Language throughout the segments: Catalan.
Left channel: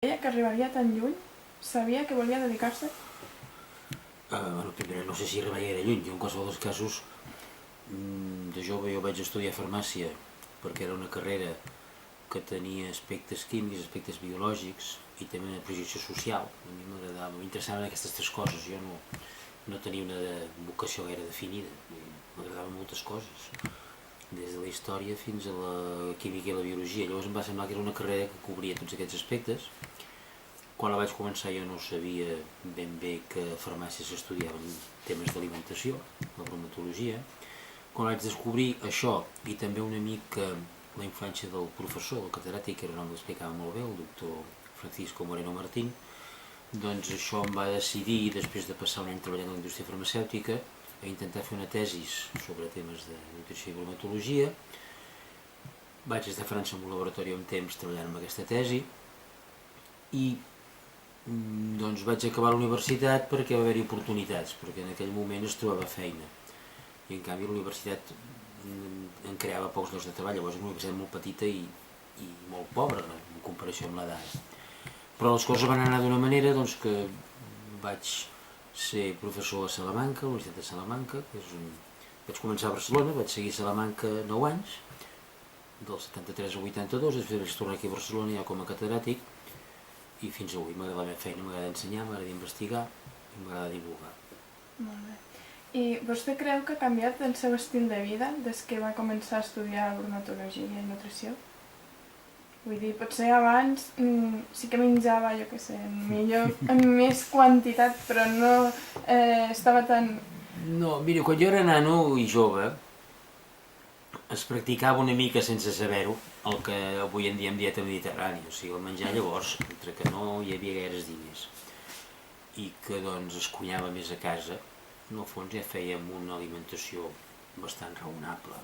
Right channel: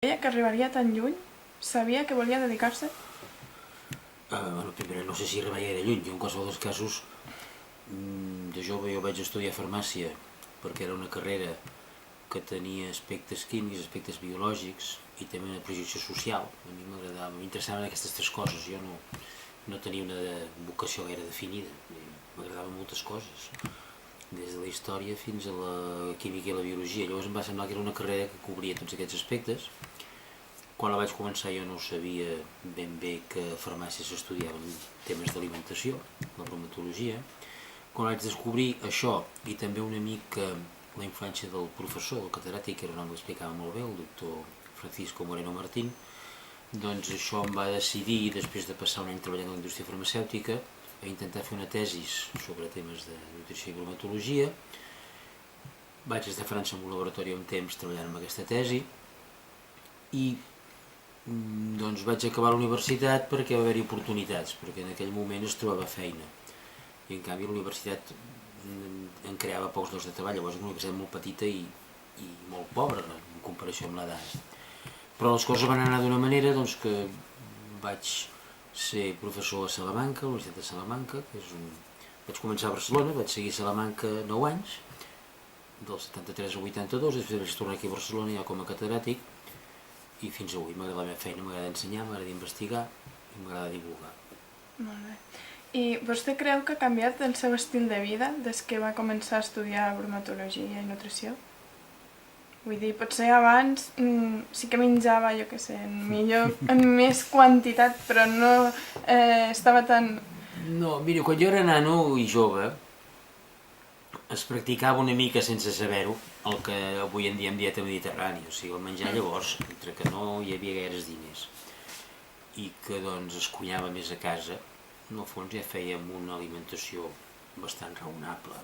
Deia que arribaria tan lluny? Sabia que volia dedicar-se? Primer, no sé si arribaria gaire lluny. Jo, en qualsevol dels casos, de jove jo vaig estudiar farmàcia perquè era una carrera que tenia aspectes químics, aspectes biològics i també una projecció social. A mi m'agradava, m'interessaven aquestes tres coses. Jo no tenia una vocació gaire definida. M'agradaven moltes coses, des de la història fins a la química i la biologia. Llavors em va semblar que era una carrera que cobria tots aquests aspectes. Quan la vaig començar jo no sabia ben bé que a farmàcia s'estudiaven temes d'alimentació, la bromatologia. Quan vaig descobrir això i també una mica la influència del professor, del catedràtic, que era un home que explicava molt bé, el doctor Francisco Moreno Martín, doncs això em va decidir, després de passar un any treballant a la indústria farmacèutica, a intentar fer una tesi sobre temes de nutrició i bromatologia. Vaig estar a França en un laboratori un temps treballant amb aquesta tesi i doncs vaig acabar la universitat perquè va haver-hi oportunitats, perquè en aquell moment es trobava feina i en canvi la universitat en creava pocs llocs de treball. Llavors era una universitat molt petita i molt pobra en comparació amb l'edat, però les coses van anar d'una manera doncs, que vaig ser professor a Salamanca, a la Universitat de Salamanca, vaig començar a Barcelona, vaig seguir a Salamanca 9 anys, del 73 al 82, després vaig tornar aquí a Barcelona ja com a catedràtic i fins avui m'agrada la meva feina, m'agrada ensenyar, m'agrada investigar i m'agrada divulgar. Molt bé. I vostè creu que ha canviat el seu estil de vida des que va començar a estudiar bromatologia i nutrició? Vull dir, potser abans sí que menjava, jo què sé, en més quantitat, però no estava tan... No, mira, quan jo era nano i jove es practicava una mica sense saber-ho el que avui en dia em dieta mediterrània, o sigui, el menjar llavors, entre que no hi havia gaires diners i que doncs es cuinava més a casa, en el fons ja fèiem una alimentació bastant raonable,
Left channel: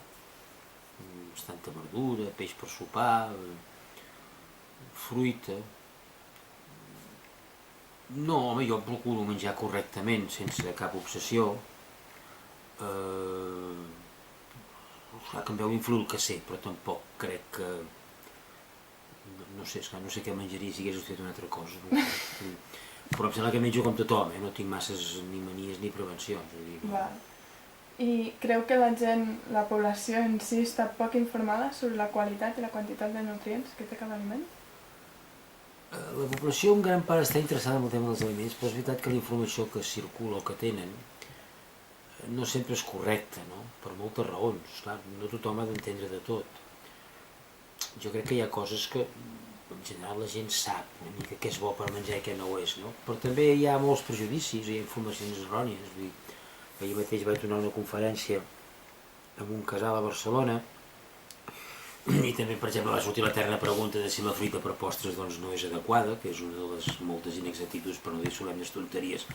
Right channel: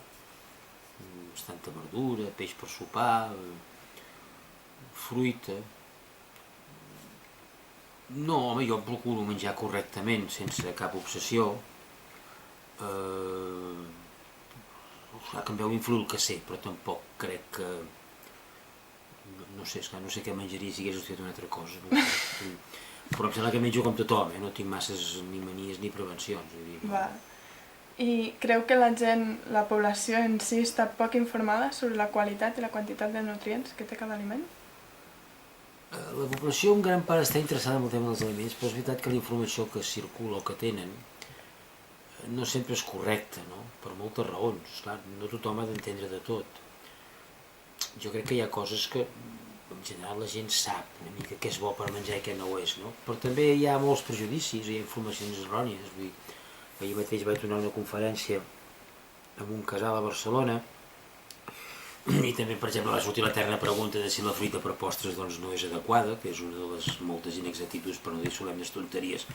bastanta verdura, peix per sopar, fruita. No, home, jo procuro menjar correctament, sense cap obsessió. Clar que em veu influir el que sé, però tampoc crec que... No sé què menjaria si hagués estudiat una altra cosa. No? Però em sembla que menjo com tothom, no tinc masses ni manies ni prevencions. Vull dir, no. Val. I creu que la gent, la població en si, està poc informada sobre la qualitat i la quantitat de nutrients que té cada aliment? La població en gran part està interessada en el tema dels aliments, però és veritat que la informació que circula o que tenen no sempre és correcta, no? Per moltes raons. Clar, no tothom ha d'entendre de tot. Jo crec que hi ha coses que en general la gent sap una mica què és bo per menjar i què no ho és, no? Però també hi ha molts prejudicis, hi ha informacions errònies. Vull dir, ahir mateix vaig donar una conferència en un casal a Barcelona i també, per exemple, va sortir l'eterna pregunta de si la fruita per postres doncs, no és adequada, que és una de les moltes inexactituds, per no dir solemnes tonteries,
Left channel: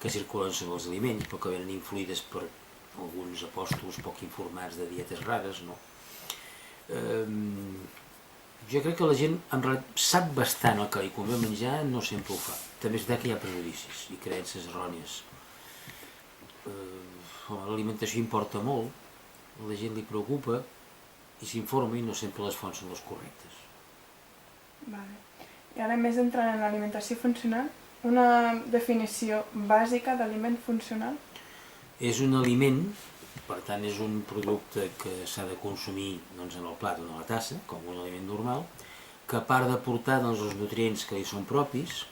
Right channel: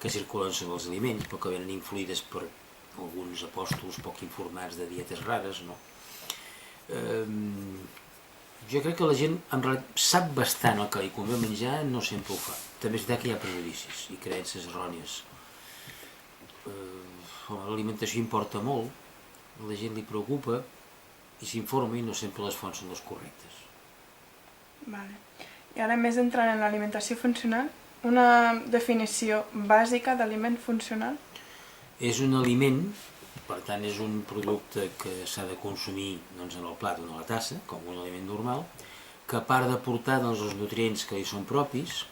que circulen sobre els aliments, però que venen influïdes per alguns apòstols poc informats de dietes rares, no? Jo crec que la gent en realitat sap bastant el que li convé menjar, no sempre ho fa. També és veritat que hi ha prejudicis i creences errònies. L'alimentació importa molt, a la gent li preocupa i s'informa i no sempre les fonts són les correctes. Vale. I ara més entrant en l'alimentació funcional, una definició bàsica d'aliment funcional? És un aliment, per tant és un producte que s'ha de consumir doncs, en el plat o en la tassa, com un aliment normal, que a part d'aportar doncs, els nutrients que li són propis,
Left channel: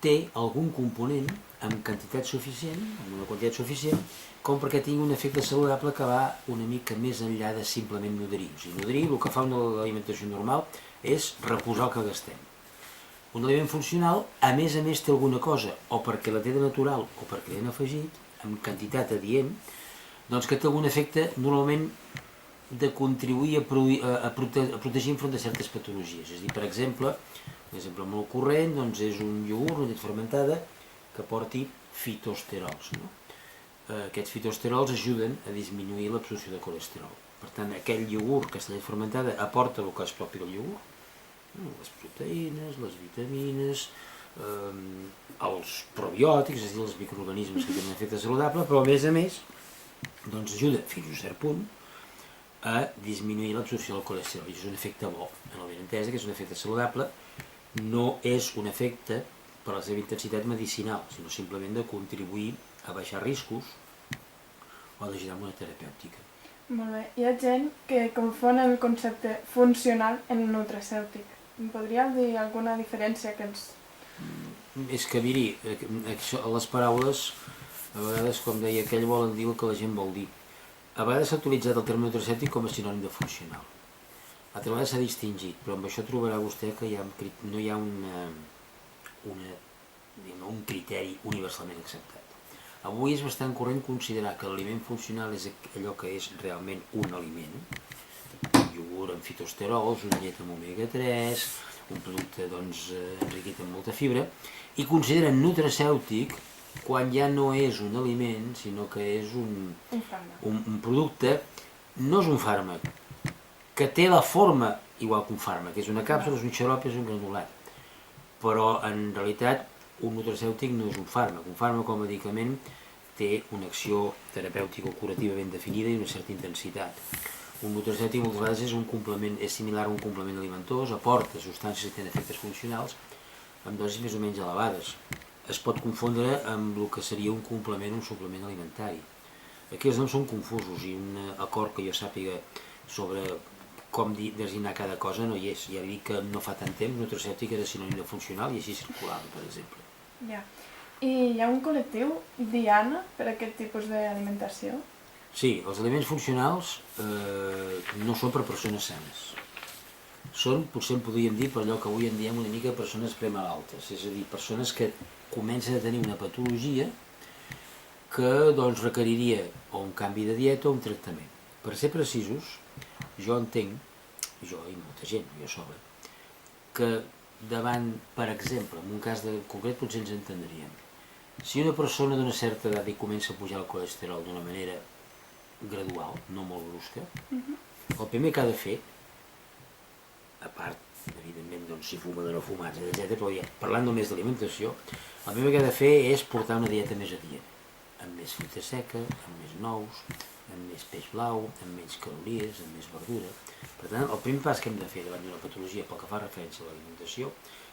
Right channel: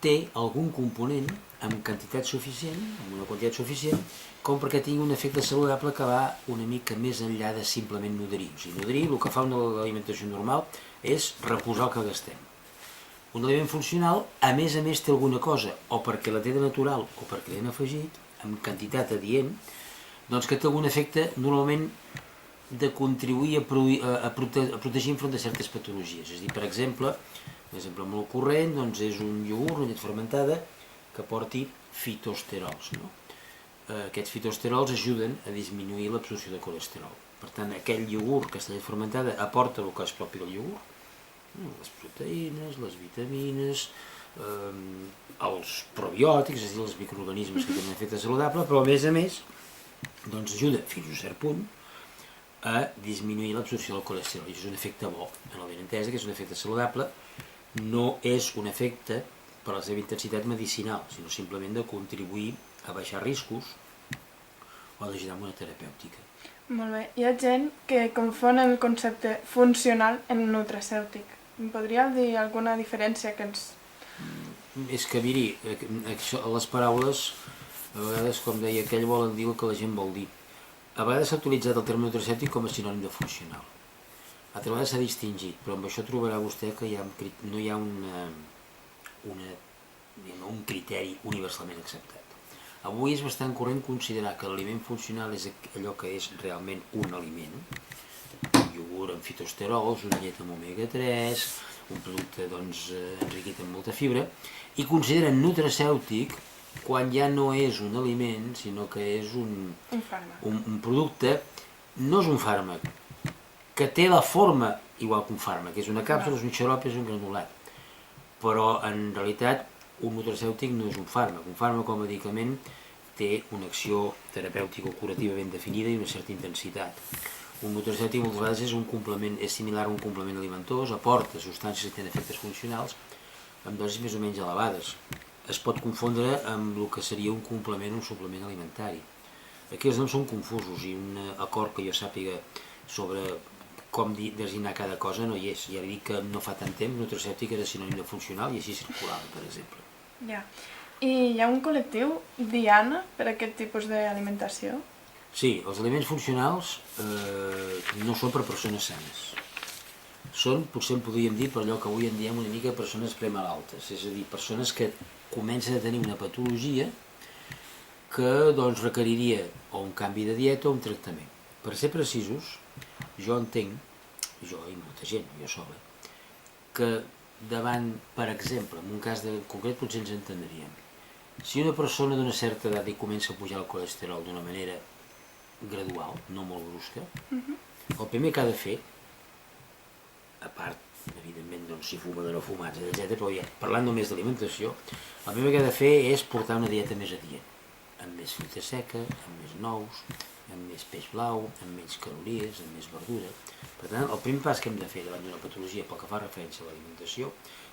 té algun component amb quantitat suficient, amb una quantitat suficient, com perquè tingui un efecte saludable que va una mica més enllà de simplement nodrir. O sigui, nodrir, el que fa una alimentació normal és reposar el que gastem. Un aliment funcional, a més, té alguna cosa, o perquè la té de natural o perquè l'hem afegit, amb quantitat adient, doncs que té algun efecte normalment de contribuir a protegir enfront de certes patologies. És a dir, per exemple, un exemple molt corrent doncs és un iogurt, una llet fermentada, que porti fitosterols. No? Aquests fitosterols ajuden a disminuir l'absorció de colesterol. Per tant, aquell iogurt, aquesta llet fermentada, aporta el que és propi del iogurt, les proteïnes, les vitamines, els probiòtics, és a dir, els microorganismes que tenen efecte saludable, però a més, doncs ajuda fins a un cert punt a disminuir l'absorció del colesterol. I és un efecte bo, en el benentès, que és un efecte saludable no és un efecte per la seva intensitat medicinal, sinó simplement de contribuir a baixar riscos o d'ajudar amb una terapèutica. Molt bé. Hi ha gent que confon el concepte funcional en nutracèutic. Em podríeu dir alguna diferència que ens... És que, miri, les paraules, a vegades, com deia aquell, volen dir el que la gent vol dir. A vegades s'ha utilitzat el terme nutracèutic com a sinònim de funcional. Altres vegades s'ha distingit, però amb això trobarà vostè que no hi ha un criteri universalment acceptat. Avui és bastant corrent considerar que l'aliment funcional és allò que és realment un aliment, un iogurt amb fitosterols, una llet amb omega-3, un producte enriquit amb molta fibra, i consideren nutracèutic quan ja no és un aliment, sinó que és un producte, no és un fàrmac, que té la forma igual que un fàrmac, és una càpsula, és un xarop, és un granulat. Però en realitat un nutracèutic no és un fàrmac. Un fàrmac o medicament té una acció terapèutica o curativa ben definida i una certa intensitat. Un nutracèutic moltes vegades és un complement, és similar a un complement alimentós, aporta substàncies que tenen efectes funcionals amb dosis més o menys elevades. Es pot confondre amb el que seria un complement o un suplement alimentari. Aquí els noms són confusos i un acord que jo sàpiga sobre com designar cada cosa no hi és. Ja dic que no fa tant temps nutracèutic era sinònim de funcional i així circulava, per exemple. Ja. I hi ha un col·lectiu diana per a aquest tipus d'alimentació? Sí, els aliments funcionals no són per persones sanes. Són, potser en podríem dir, per allò que avui en diem una mica persones premalaltes, és a dir, persones que comencen a tenir una patologia que requeriria o un canvi de dieta o un tractament. Per ser precisos, jo entenc, jo i molta gent, jo sol, que davant, per exemple, en un cas concret potser ens entendríem. Si una persona d'una certa edat i comença a pujar el colesterol d'una manera gradual, no molt brusca, el primer que ha de fer, a part, evidentment, si fuma o no fumats, etc., però ja, parlant només d'alimentació, el primer que ha de fer és portar una dieta més adient, amb més fruita seca, amb més nous, amb més peix blau, amb menys calories, amb més verdura. Per tant, el primer pas que hem de fer davant d'una patologia pel que fa referència a l'alimentació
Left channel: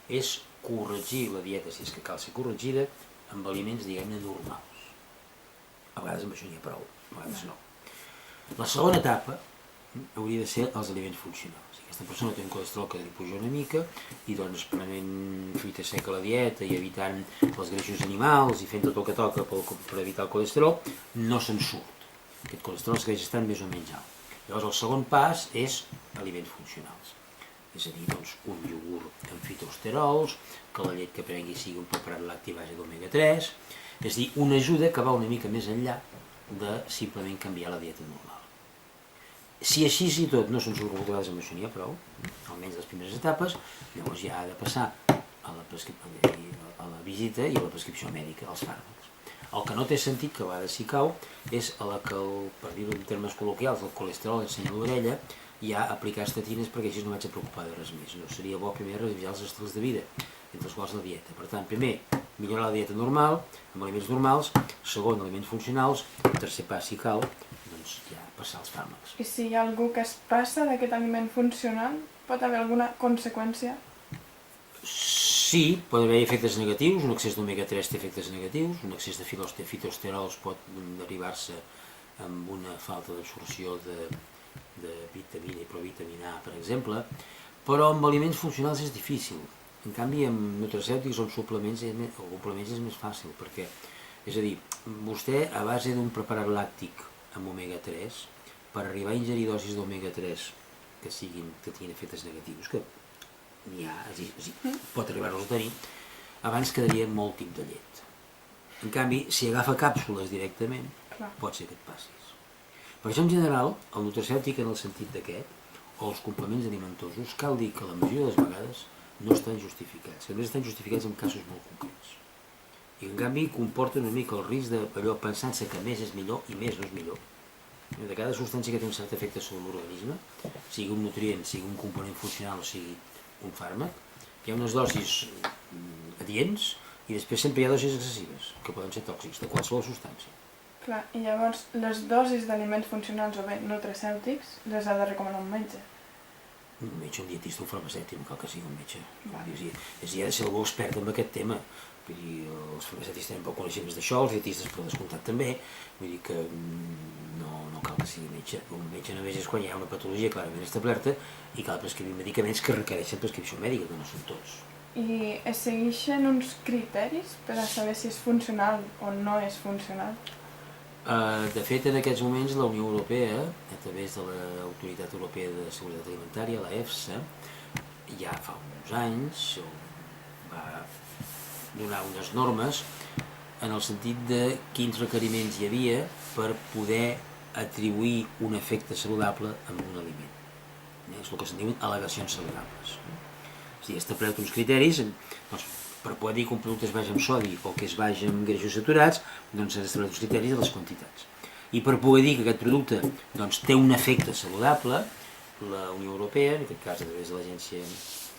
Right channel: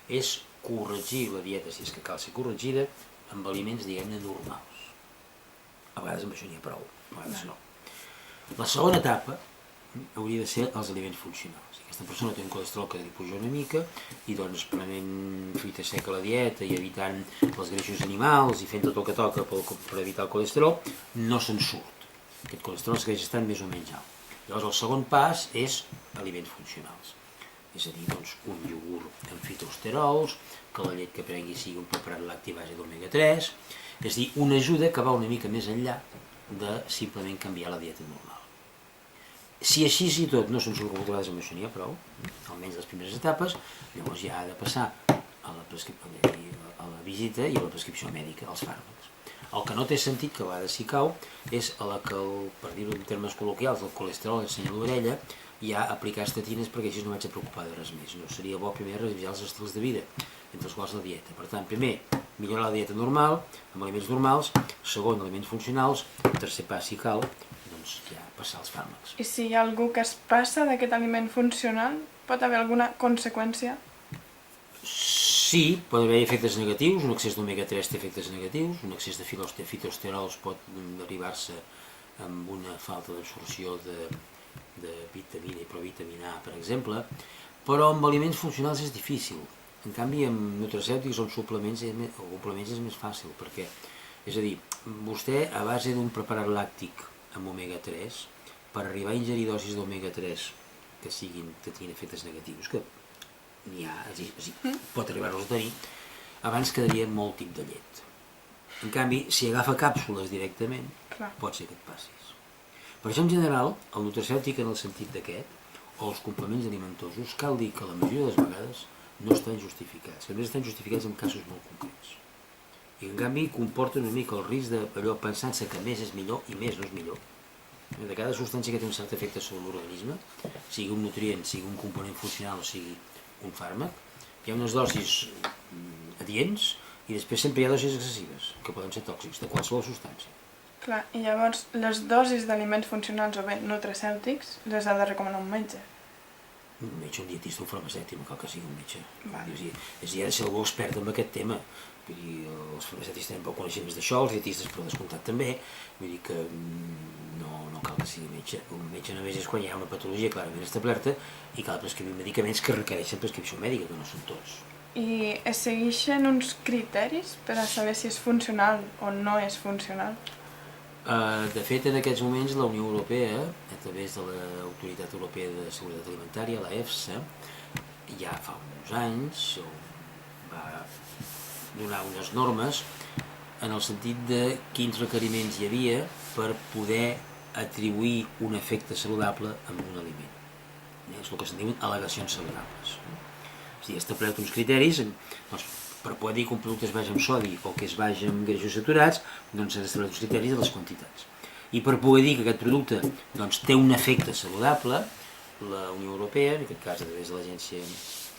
és corregir la dieta, si és que cal ser corregida, amb aliments, diguem-ne, normals. A vegades amb això n'hi ha prou, a vegades no. La segona etapa hauria de ser els aliments funcionals. Si aquesta persona té un colesterol que li puja una mica i prenent fruita seca a la dieta i evitant els greixos animals i fent tot el que toca per evitar el colesterol, no se'n surt. Aquest colesterol es greix estan més o menys alt. Llavors el segon pas és aliments funcionals. És a dir, un iogurt amb fitosterols, que la llet que prengui sigui un preparat lacti a base d'omega-3, és a dir, una ajuda que va una mica més enllà de simplement canviar la dieta normal. Si així i tot no se'n surt moltes vegades amb això n'hi ha prou, almenys les primeres etapes, llavors ja ha de passar a la visita i a la prescripció mèdica, als fàrmacs. El que no té sentit, que a vegades s'hi cau, és a la que, per dir-ho en termes col·loquials, el colesterol ensenya l'orella, ja aplicar estatines perquè així no vaig a preocupar de res més. No seria bo primer revisar els estils de vida, entre els quals la dieta. Per tant, primer, millorar la dieta normal, amb aliments normals, segon, aliments funcionals, tercer pas, si cal, ja passar als fàrmacs. I si hi ha algú que es passa d'aquest aliment funcional, pot haver alguna conseqüència? Sí, pot haver efectes negatius, un excés d'omega-3 té efectes negatius, un excés de fitosterols pot derivar-se amb una falta d'absorció de vitamina i provitamina A, per exemple, però amb aliments funcionals és difícil. En canvi, amb nutracèutics o amb suplements o complements és més fàcil, perquè, és a dir, vostè a base d'un preparat làctic amb omega-3, per arribar a ingerir dosis d'omega-3 que tinguin efectes negatius, que n'hi ha, pot arribar-los a tenir, abans quedaria molt tip de llet. En canvi, si agafa càpsules directament, pot ser que et passis. Per això, en general, el nutracèutic en el sentit d'aquest, o els complements alimentosos, cal dir que la majoria de les vegades no estan justificats, que només estan justificats en casos molt concrets. I en canvi comporta una mica el risc d'allò pensant-se que més és millor i més no és millor. De cada substància que té un cert efecte sobre l'organisme, sigui un nutrient, sigui un component funcional o sigui un fàrmac, hi ha unes dosis adients i després sempre hi ha dosis excessives, que poden ser tòxics, de qualsevol substància. Clar, i llavors les dosis d'aliments funcionals o bé nutracèutics les ha de recomanar un metge. Un metge, un dietista, un farmacèutic, no cal que sigui un metge. Vale. És ja de ser algú expert en aquest tema. Vull dir, els farmacèutics tenen poc coneixements d'això, els dietistes per descomptat també. Vull dir que no cal que sigui metge. Un metge només és quan hi ha una patologia clarament establerta i cal prescriure medicaments que requereixen prescripció mèdica, que no són tots. I es segueixen uns criteris per a saber si és funcional o no és funcional? De fet, en aquests moments la Unió Europea, a través de l'Autoritat Europea de Seguretat Alimentària, la EFSA, ja fa uns anys va donar unes normes en el sentit de quins requeriments hi havia per poder atribuir un efecte saludable a un aliment. És el que se'n diuen al·legacions saludables. És a dir, establert uns criteris, doncs, per poder dir que un producte es baixa amb sodi o que es baixa amb greixos saturats, doncs s'han establert uns criteris de les quantitats. I per poder dir que aquest producte doncs, té un efecte saludable, la Unió Europea, en aquest cas a través de l'Agència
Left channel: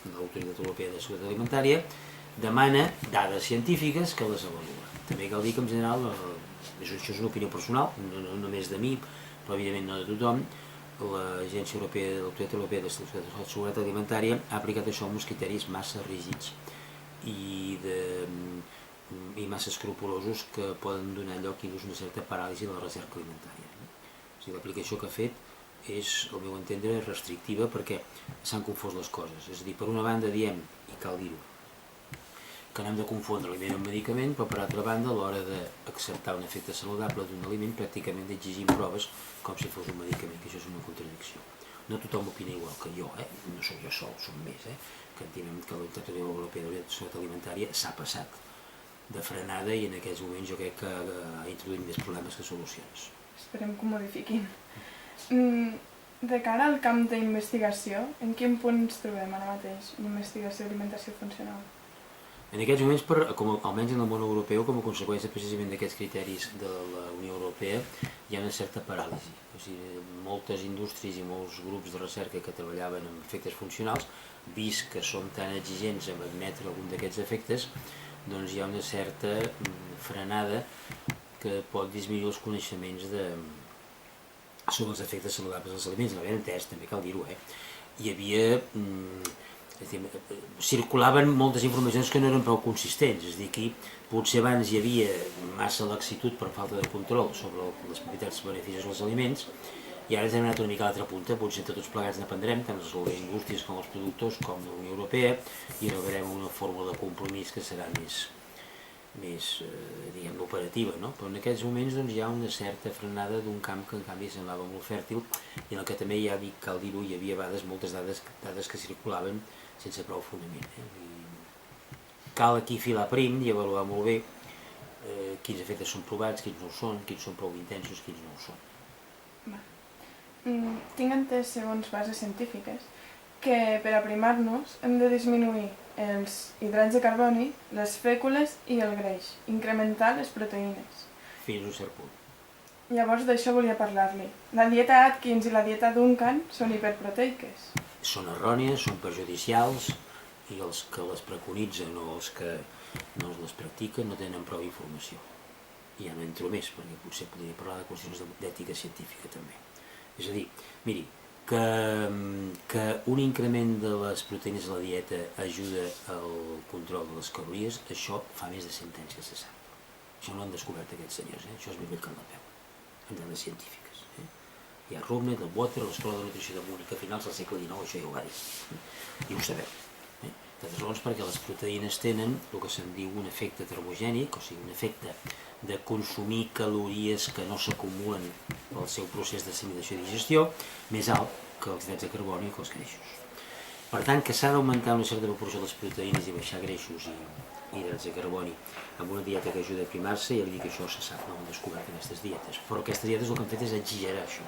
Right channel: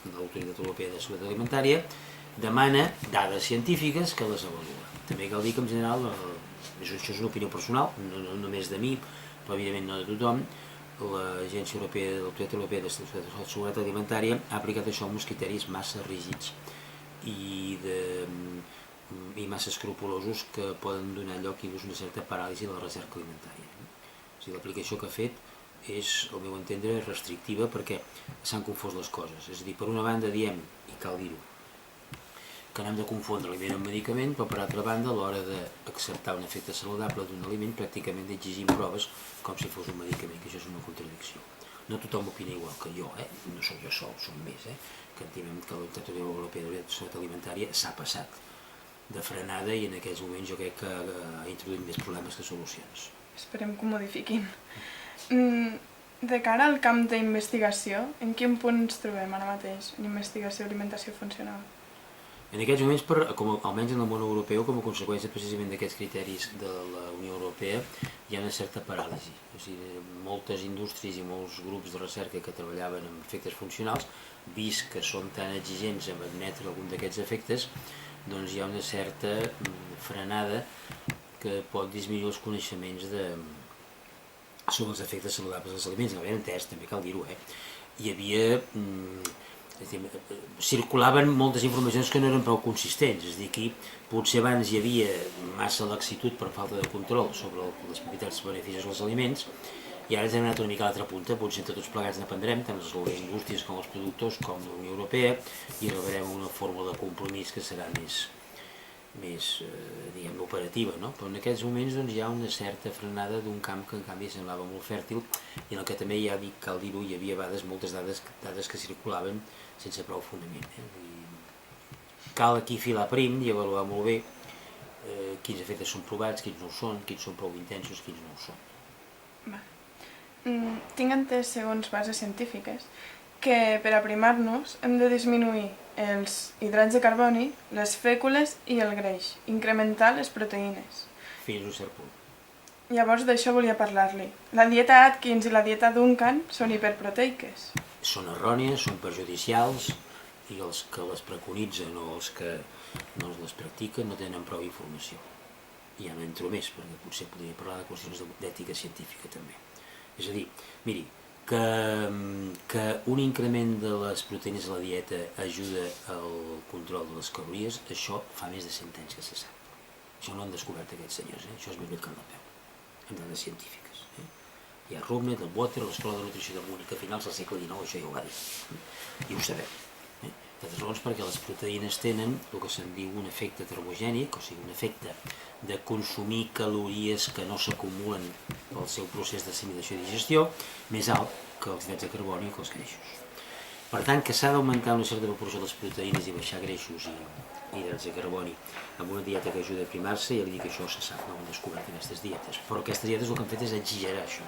de l'Autoritat Europea de Seguretat Alimentària, demana dades científiques que les avalua. També cal dir que en general, això és una opinió personal, no només de mi, però evidentment no de tothom, l'Agència Europea de l'Autoritat Europea de Seguretat Alimentària ha aplicat això amb uns criteris massa rígids i massa escrupulosos que poden donar lloc inclús a una certa paràlisi de la recerca alimentària. O sigui, l'aplicació que ha fet és, al meu entendre, restrictiva perquè s'han confós les coses. És a dir, per una banda diem, i cal dir-ho, que no hem de confondre aliment amb medicament, però per altra banda, a l'hora d'acceptar un efecte saludable d'un aliment, pràcticament exigim proves com si fos un medicament, que això és una contradicció. No tothom opina igual que jo, no sóc jo sol, som més, que entenem que l'Autoritat Europea de Seguretat Alimentària s'ha passat de frenada i en aquests moments jo crec que ha introduït més problemes que solucions. Esperem que ho modifiquin. De cara al camp d'investigació, en quin punt ens trobem ara mateix en investigació d'alimentació funcional? En aquests moments, almenys en el món europeu, com a conseqüència precisament d'aquests criteris de la Unió Europea, hi ha una certa paràlisi. O sigui, moltes indústries i molts grups de recerca que treballaven amb efectes funcionals, vist que són tan exigents en admetre algun d'aquests efectes, doncs hi ha una certa frenada que pot disminuir els coneixements sobre els efectes saludables dels aliments. No ben entès, també cal dir-ho, Hi havia... circulaven moltes informacions que no eren prou consistents, és a dir, que potser abans hi havia massa laxitud per falta de control sobre les propietats i beneficis dels aliments i ara ens hem anat una mica a l'altra punta, potser entre tots plegats n'aprendrem, tant les indústries com els productors com la Unió Europea i arribarem a una fórmula de compromís que serà més diguem, operativa, no? Però en aquests moments doncs, hi ha una certa frenada d'un camp que en canvi semblava molt fèrtil i en el que també ja cal dir-ho, hi havia a vegades moltes dades que circulaven sense prou fonament. Cal aquí filar prim i avaluar molt bé quins efectes són provats, quins no ho són, quins són prou intensos, quins no ho són. Tinc entès, segons bases científiques, que per aprimar-nos hem de disminuir els hidrats de carboni, les fècules i el greix, incrementar les proteïnes. Fins a un cert punt. Llavors d'això volia parlar-li. La dieta Atkins i la dieta Duncan són hiperproteiques. Són errònies, són perjudicials i els que les preconitzen o els que no les practiquen no tenen prou informació. I ja no entro més, perquè potser podria parlar de qüestions d'ètica científica també. És a dir, miri, que un increment de les proteïnes a la dieta ajuda al control de les calories, això fa més de 100 anys que se sap. Això no han descobert aquests senyors, això és ben bé que en la peu, en dades científiques. Hi ha Rubner, del Water, l'Escola de Nutrició de Múnich, a finals del segle XIX, això ja ho va dir, i ho sabeu. D'altres raons perquè les proteïnes tenen el que se'n diu un efecte termogènic, o sigui, un efecte de consumir calories que no s'acumulen pel seu procés d'assimilació i digestió, més alt que els hidrats de carboni i que els greixos. Per tant, que s'ha d'augmentar una certa proporció de les proteïnes i baixar greixos i hidrats de carboni amb una dieta que ajuda a aprimar-se, ja li dic que això se sap, no ho han descobert aquestes dietes, però aquestes dietes el que han fet és exagerar això.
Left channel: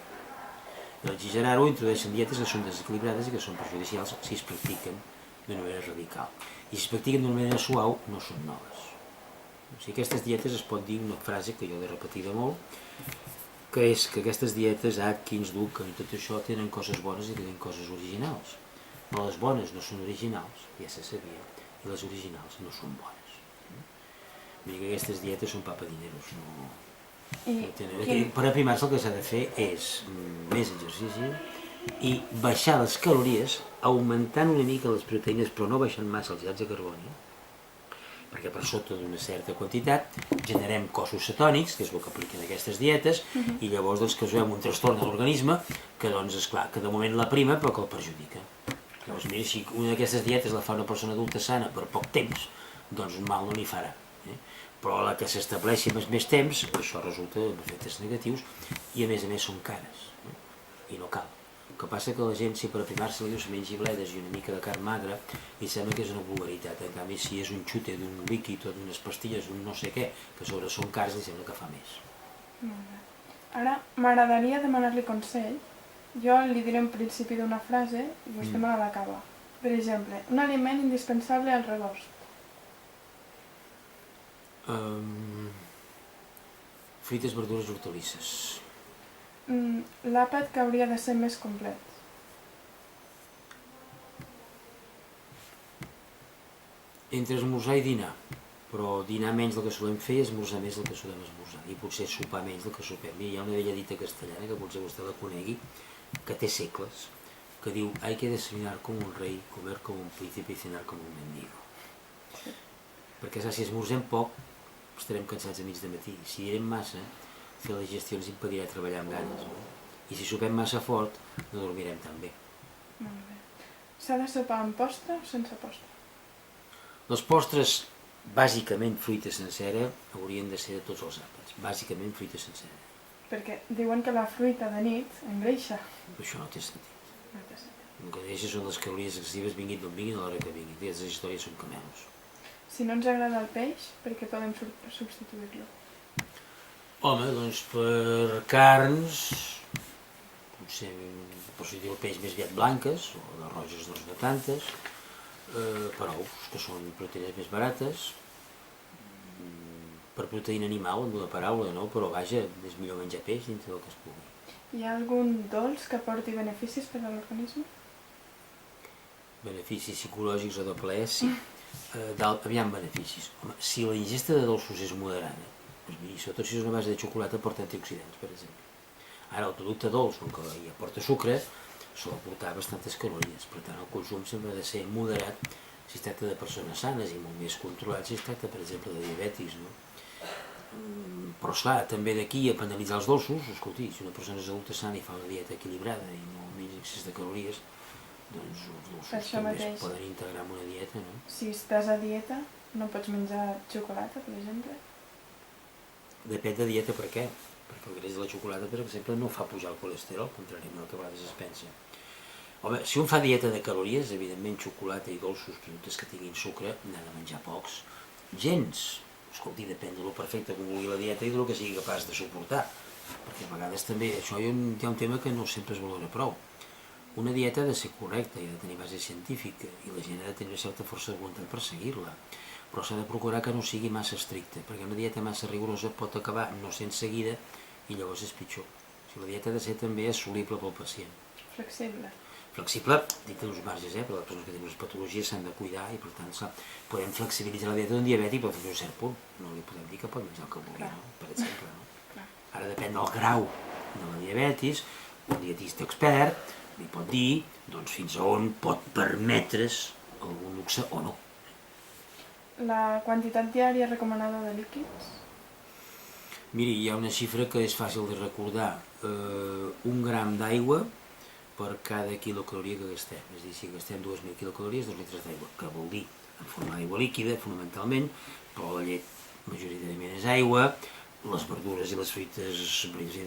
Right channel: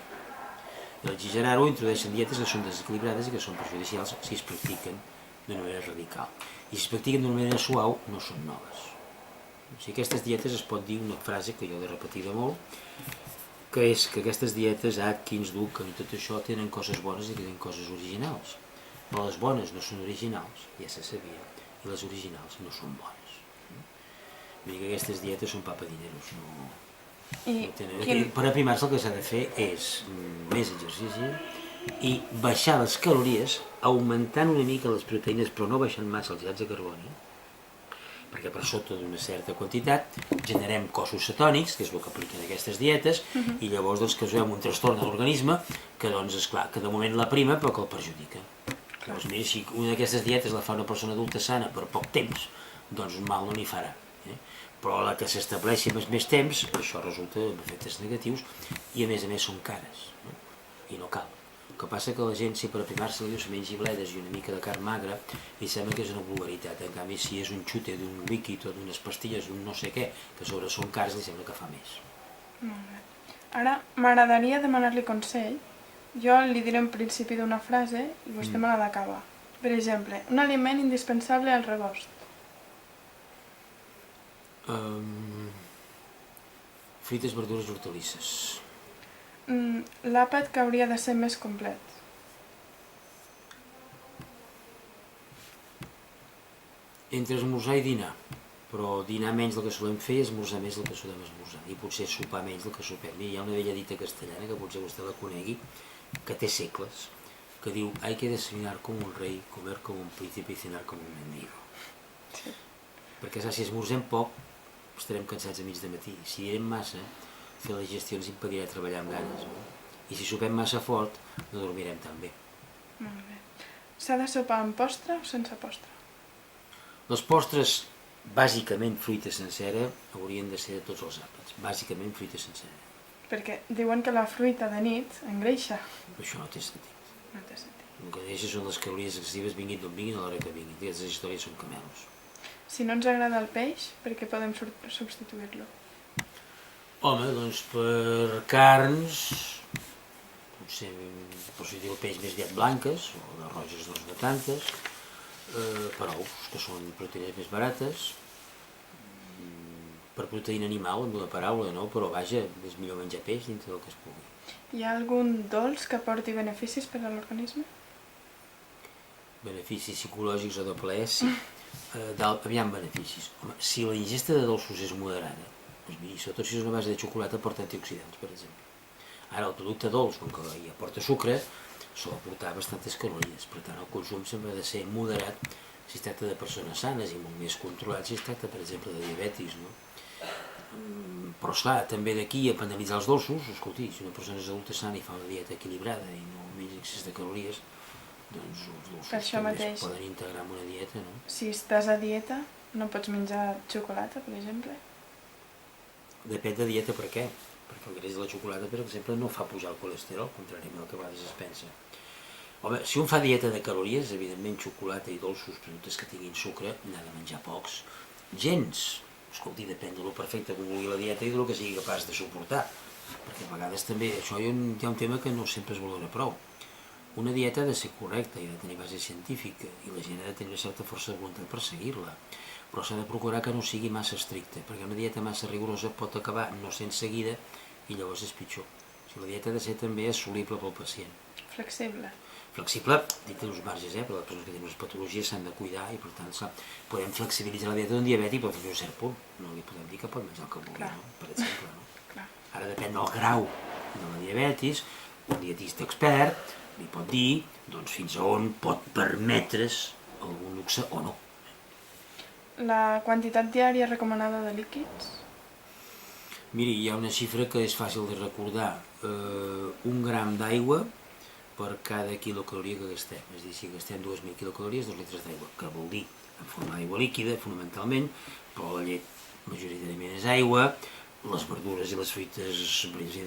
I al exagerar-ho introdueixen dietes que són desequilibrades i que són perjudicials si es practiquen d'una manera radical. I si es practiquen d'una manera suau, no són noves. O sigui, aquestes dietes es pot dir una frase que jo l'he repetida molt, que és que aquestes dietes, Atkins, Duncan i tot això, tenen coses bones i tenen coses originals. Però les bones no són originals, ja se sabia, i les originals no són bones. Vull dir que aquestes dietes són papadineros, no tenen... Per aprimar-se el que s'ha de fer és més exercici i baixar les calories augmentant una mica les proteïnes però no baixant massa els hidrats de carboni, perquè per sota d'una certa quantitat generem cossos cetònics, que és el que apliquen aquestes dietes, i llavors doncs, que veiem un trastorn de l'organisme que, doncs, esclar, que de moment la prima però que el perjudica. Llavors, mira, si una d'aquestes dietes la fa una persona adulta sana per poc temps, doncs mal no n'hi farà. Però la que s'estableixi amb més temps, això resulta amb efectes negatius i a més són cares, i no cal. El que passa que la gent, si per aprimar-se li diu se mengi bledes i una mica de carn magra, li sembla que és una vulgaritat. En canvi, si és un xute d'un líquid o d'unes pastilles d'un no sé què, que sobre són cars, li sembla que fa més. Molt bé. Ara, m'agradaria demanar-li consell. Jo li diré en principi d'una frase i vostè me l'ha d'acabar. Per exemple, un aliment indispensable al rebost. Fruites, verdures, hortalisses. L'àpat que hauria de ser més complet. Entre esmorzar i dinar, però dinar menys del que solem fer i esmorzar més del que solem esmorzar, i potser sopar menys del que sopem. Hi ha una vella dita castellana, que potser vostè la conegui, que té segles, que diu hay que desayunar como un rey, comer como un príncipe y cenar como un mendigo. Sí. Perquè si esmorzem poc, estarem cansats a mig de matí. Si direm massa, fer la digestió ens impedirà treballar amb ganes. No? I si sopem massa fort, no dormirem tan bé. Molt bé. S'ha de sopar amb postre o sense postre? Les postres, bàsicament fruita sencera, haurien de ser de tots els àpats. Bàsicament fruita sencera. Perquè diuen que la fruita de nit engreixa. Això no té sentit. No té sentit. El que deixa són les calories excessives, vinguin d'on vinguin, a l'hora que vinguin. Aquestes històries són camelos. Si no ens agrada el peix, per què podem substituir-lo? Home, doncs per carns, potser per substituir el peix més aviat blanques, o de roges doncs no tantes, per ous, que són proteïnes més barates, per proteïna animal, amb una paraula, no? Però vaja, és millor menjar peix dintre del que es pugui. Hi ha algun dolç que porti beneficis per a l'organisme? Beneficis psicològics o de plaer, sí. Aviam beneficis. Home, si la ingesta de dolços és moderada, doncs miri, sobretot si és una base de xocolata, porta antioxidants, per exemple. Ara, el producte dolç, com que ja porta sucre, sol aportar bastantes calories. Per tant, el consum sempre ha de ser moderat si es tracta de persones sanes i molt més controlat si es tracta, per exemple, de diabetis, no? Però, esclar, també d'aquí a penalitzar els dolços, escolti, si una persona és adulta sana i fa una dieta equilibrada i no menys excés de calories, doncs els dolços també es poden integrar en una dieta, no? Si estàs a dieta, no pots menjar xocolata, per exemple? Depèn de dieta per què? Perquè el greix de la xocolata, per exemple, no fa pujar el colesterol, contràriament al que a vegades es pensa. Home, si un fa dieta de calories, evidentment xocolata i dolços, productes que tinguin sucre, n'ha de menjar pocs. Gens. Escolti, depèn de lo perfecte que vulgui la dieta i de lo que sigui capaç de suportar. Perquè a vegades també, això hi ha un tema que no sempre es valora prou. Una dieta ha de ser correcta i ha de tenir base científica i la gent ha de tenir una certa força de voluntat per seguir-la. Però s'ha de procurar que no sigui massa estricta, perquè una dieta massa rigorosa pot acabar no sent seguida i llavors és pitjor. O sigui, la dieta ha de ser també assolible pel pacient. Flexible. Flexible, dit uns marges, però les persones que tenen unes patologies s'han de cuidar i per tant podem flexibilitzar la dieta d'un diabètic però fins a un cert punt. No li podem dir que pot menjar el que vulgui, no? Per exemple. No? Ara depèn del grau de la diabetis, un dietista expert li pot dir doncs, fins a on pot permetre's algun luxe o no. La quantitat diària recomanada de líquids? Miri, hi ha una xifra que és fàcil de recordar. 1 gram d'aigua per cada quilocaloria que gastem. És a dir, si gastem 2.000 quilocalories, 2 litres d'aigua, que vol dir en forma d'aigua líquida, fonamentalment, però la llet majoritàriament és aigua, les verdures i les fruites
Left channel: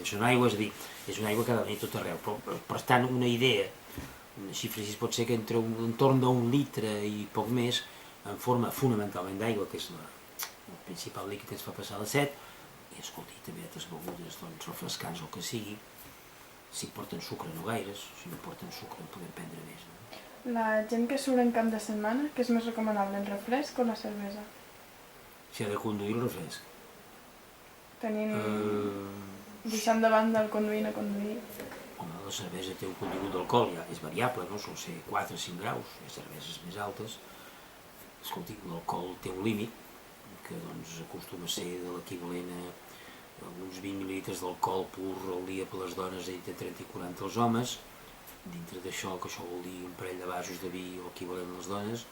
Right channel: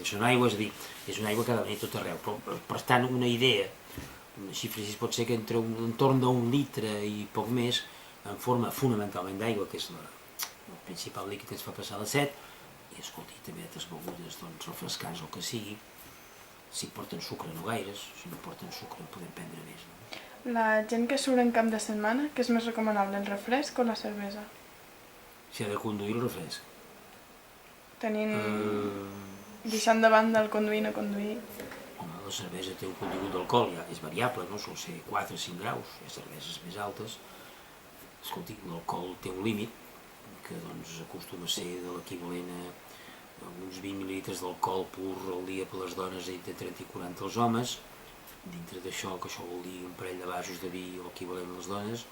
són aigua, és a dir, és una aigua que ha de venir tot arreu. Però, per tant, una idea, una xifra així pot ser que entre entorn d'1 litre i poc més, en forma fonamentalment d'aigua, que és el principal líquid que ens fa passar la set, i escolti, també altres begudes, doncs refrescants o el que sigui, si porten sucre no gaires, si no porten sucre en podem prendre més. No? La gent que surt en camp de setmana, què és més recomanable, el refresc o la cervesa? Si ha de conduir el refresc. Deixant de banda el conduir no conduir. Home, la cervesa té un contingut d'alcohol, ja és variable, no? Sol ser 4 o 5 graus, hi ha cerveses més altes. Escolti, l'alcohol té un límit, que doncs acostuma a ser de l'equivalent a uns 20 mil·lilitres d'alcohol pur al dia per les dones i entre 30 i 40 els homes. dintre d'això, que això vol dir un parell de vasos de vi o equivalent a les dones,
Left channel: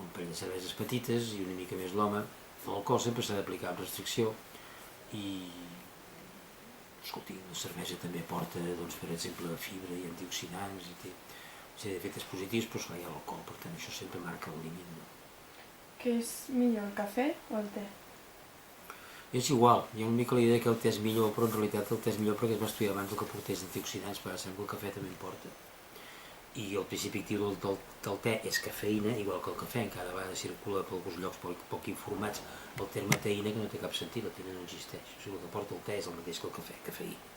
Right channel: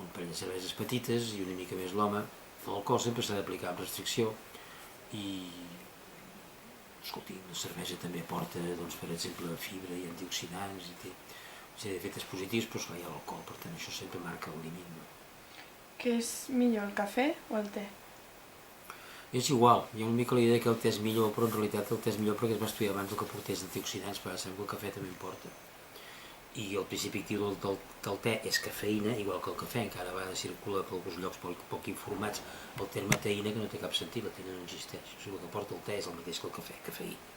un parell de cerveses petites i una mica més l'home. L'alcohol sempre s'ha d'aplicar amb restricció i, escolti, la cervesa també aporta, doncs, per exemple, fibra i antioxidants i té una sèrie d'efectes positius, però esclar, hi ha l'alcohol, per tant, això sempre marca el límit, no? Què és millor, el cafè o el te? És igual, hi ha una mica la idea que el te és millor, però en realitat el te és millor perquè es va estudiar abans el que portés antioxidants, però sembla que el cafè també en porta. I el principi actiu del te és cafeïna, igual que el cafè, encara a vegades circula per alguns llocs poc informats el terme teïna, que no té cap sentit, la teïna no existeix. O sigui, el que porta el te és el mateix que el cafè, cafeïna.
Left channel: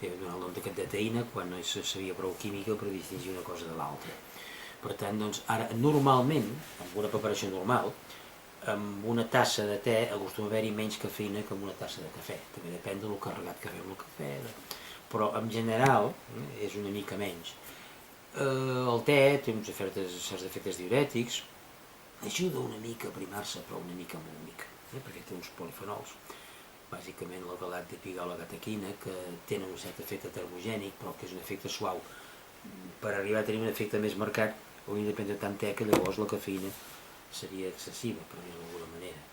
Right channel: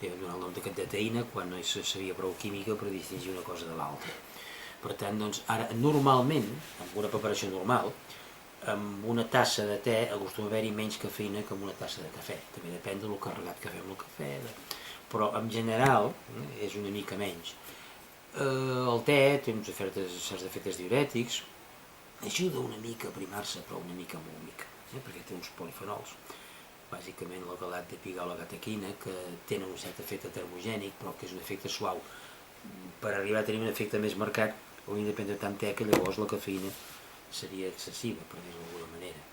Li vam donar el nom de teïna quan no se sabia prou química per distingir una cosa de l'altra. Per tant, doncs, ara, normalment, amb una preparació normal, amb una tassa de te acostuma a haver-hi menys cafeïna que amb una tassa de cafè. També depèn del carregat que fem el cafè, però en general és una mica menys. El te té uns certs efectes diurètics, ajuda una mica a aprimar-se, però una mica molt mica, perquè té uns polifenols, bàsicament la galactopigau, la catequina, que tenen un cert efecte termogènic, però que és un efecte suau. Per arribar a tenir un efecte més marcat, hauria de prendre tant te que llavors la cafeïna seria excessiva, per dir-ho d'alguna manera.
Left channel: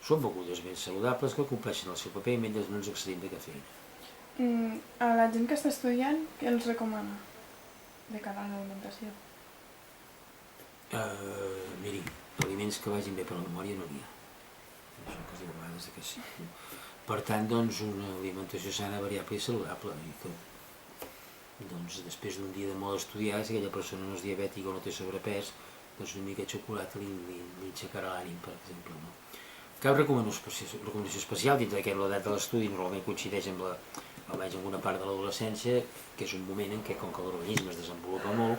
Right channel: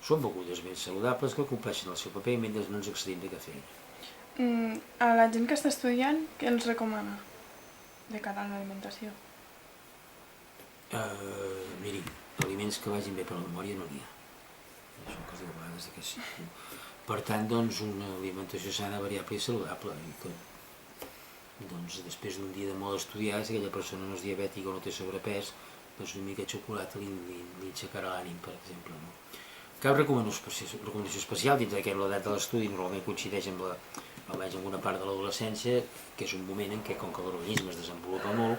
Són begudes ben saludables que compleixen el seu paper mentre no ens excedim de cafeïna. A la gent que està estudiant, què els recomana de cara a l'alimentació? Miri, aliments que vagin bé per la memòria no n'hi ha. Això que es diu a vegades que sí. Per tant, doncs, una alimentació sana, variable i saludable. I que, doncs, després d'un dia de molt estudiar, si aquella persona no és diabètica o no té sobrepès, doncs una mica de xocolata li aixecarà l'ànim, per exemple. No? Cap recomanació especial dintre d'aquest l'edat de l'estudi normalment coincideix amb almenys en una part de l'adolescència, que és un moment en què, com que l'organisme es desenvolupa molt,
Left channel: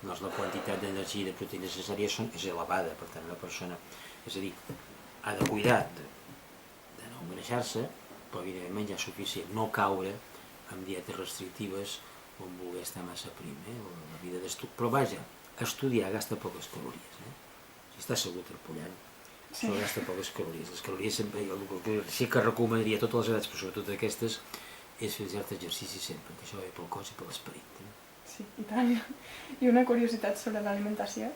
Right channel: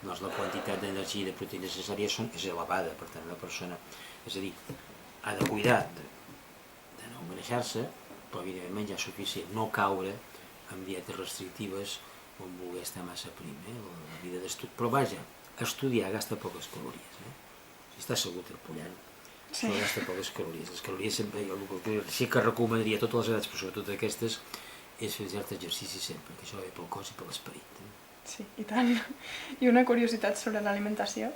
doncs la quantitat d'energia i de proteïnes necessàries és elevada. Per tant, una persona, és a dir, ha de cuidar de no engreixar-se, però evidentment menjar suficient, no caure en dietes restrictives o en voler estar massa prim, la vida d'estudi. Però vaja, estudiar gasta poques calories. Si està segur terpullant, això gasta poques calories. Les calories sempre, el que sí que recomanaria a totes les edats, però sobretot aquestes, és fer cert exercici sempre, que això va bé pel cos i per l'esperit. Sí, i tant. I una curiositat sobre l'alimentació?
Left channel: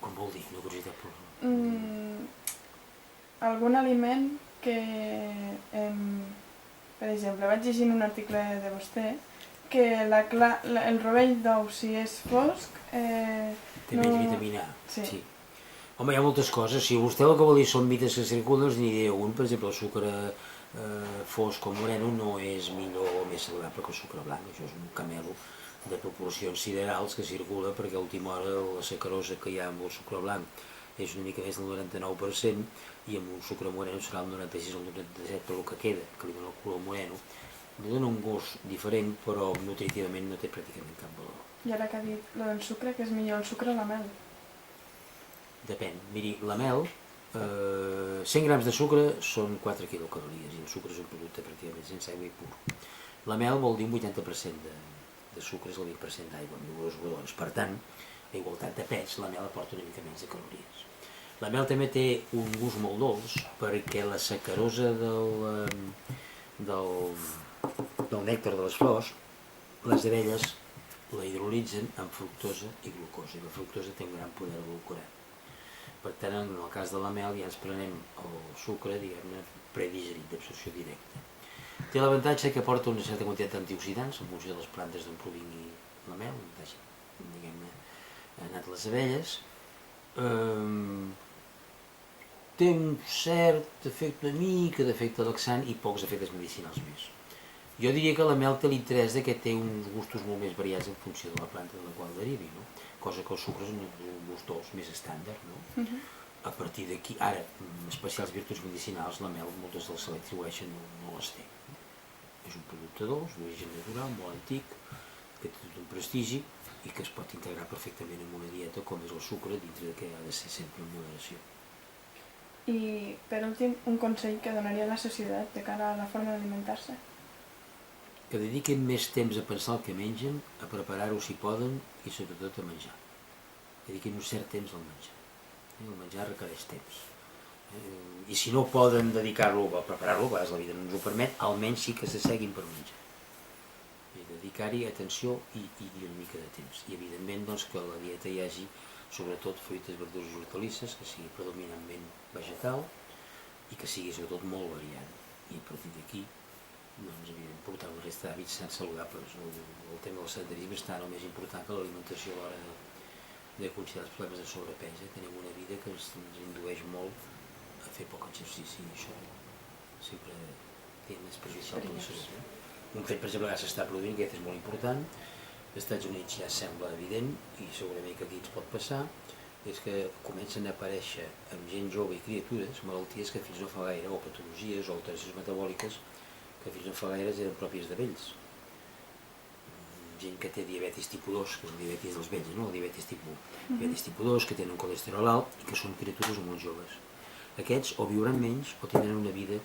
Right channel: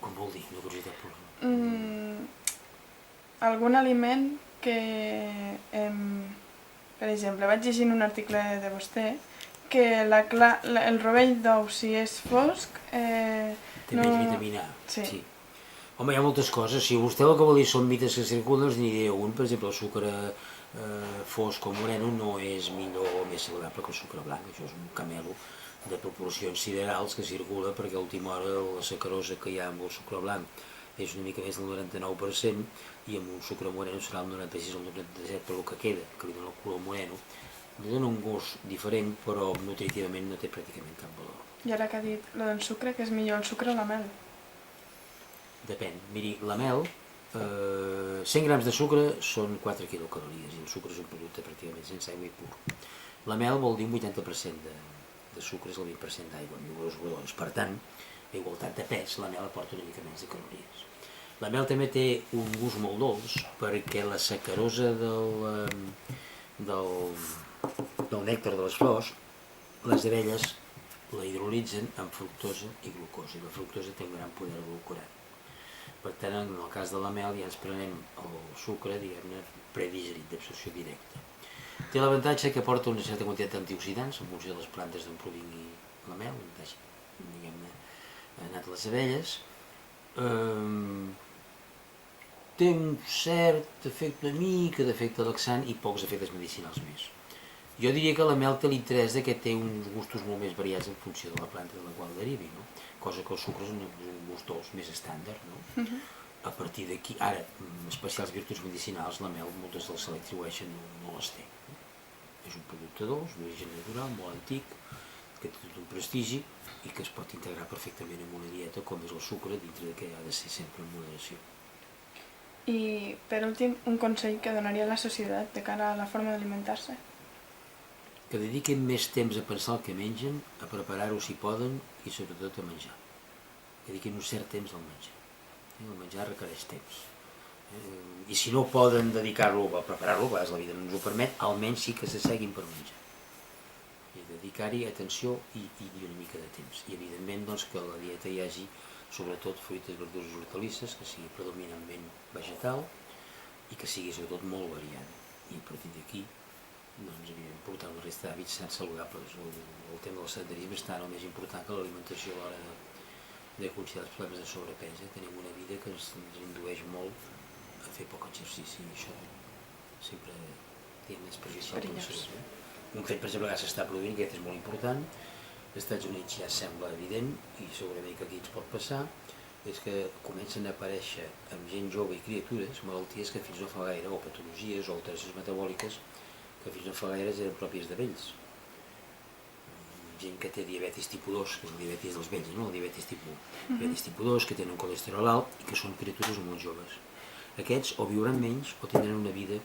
Com vol dir, una curiositat per... Algun aliment que, per exemple, vaig llegint un article de vostè que el rovell d'ou, si és fosc... Té menys vitamina A. Sí. Home, hi ha moltes coses. Si vostè el que vol dir són mites que circulen, doncs n'hi diré un. Per exemple, el sucre fosc o moreno no és millor o més saludable que el sucre blanc. Això és un camelo de proporcions siderals que circula perquè a última hora la sacarosa que hi ha amb el sucre blanc és una mica més del 99% i amb un sucre moreno serà el 96 o el 97, però el que queda, que li dona el color moreno, li dona un gust diferent, però nutritivament no té pràcticament cap valor. I ara que ha dit el del sucre, que és millor el sucre o la mel? Depèn. Miri, la mel, 100 grams de sucre són 4 quilocalories i el sucre és un producte pràcticament sense aigua i pur. La mel vol dir un 80% de sucre és el 20% d'aigua, en números rodons. Per tant, a igualtat de pes, la mel aporta una mica menys de calories. La mel també té un gust molt dolç perquè la sacarosa del nèctar de les flors, les abelles la hidrolitzen amb fructosa i glucosa, i la fructosa té un gran poder glucorant. Per tant, en el cas de la mel ja ens prenem el sucre, diguem-ne, predigerit, d'absorció directa. Té l'avantatge que aporta una certa quantitat d'antioxidants en funció de les plantes d'on provingui la mel, diguem-ne, anat les abelles. Té un cert efecte, una mica d'efecte laxant i pocs efectes medicinals més. Jo diria que la mel té l'interès que té uns gustos molt més variats en funció de la planta de la qual derivi, no? Cosa que el sucre és un gust dolç més estàndard, no? A partir d'aquí, ara, especials virtuts medicinals, la mel, moltes dels se l'atribueixen, no les té. És un producte dolç, d'origen natural, molt antic, que té tot un prestigi i que es pot integrar perfectament en una dieta com és el sucre, dintre que ha de ser sempre en moderació. I, per últim, un consell que donaria a la societat de cara a la forma d'alimentar-se? Que dediquin més temps a pensar el que mengen, a preparar-ho si poden i sobretot a menjar. Que dediquin un cert temps al menjar. El menjar requereix temps. I si no poden dedicar-lo a preparar-lo, a vegades la vida no ens ho permet, almenys sí que s'asseguin per menjar. I dedicar-hi atenció i una mica de temps. I evidentment doncs, que a la dieta hi hagi sobretot fruites, verdures i hortalisses, que sigui predominantment vegetal i que sigui sobretot molt variada. I a partir d'aquí, doncs, evidentment, portar la resta d'hàbits saludables. El tema del sedentarisme està el més important que l'alimentació a l'hora de considerar els problemes de sobrepès. Tenim una vida que ens indueix molt a fer poc exercici i això sempre és perjudicial per la salut. Un fet, per exemple, que s'està produint, que aquest és molt important, als Estats Units ja sembla evident, i segurament que aquí ens pot passar, és que comencen a aparèixer amb gent jove i criatures malalties que fins no fa gaire, o patologies o alteracions metabòliques, que fins no fa gaire eren pròpies de vells. Gent que té diabetis tipus 2, que és el diabetis dels vells, no? El diabetis tipus 2, que tenen colesterol alt i que són criatures molt joves. Aquests o viuran menys o tindran una vida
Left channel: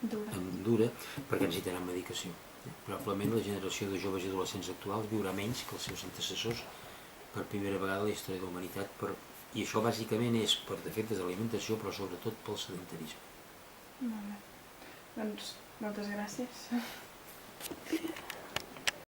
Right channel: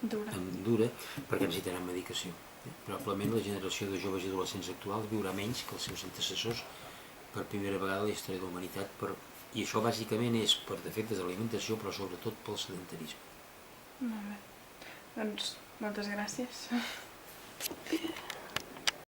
dura perquè necessitaran medicació. Probablement la generació de joves i adolescents actuals viurà menys que els seus antecessors per primera vegada a la història de la humanitat, i això bàsicament és per defectes de l'alimentació, però sobretot pel sedentarisme. Molt bé. Doncs moltes gràcies.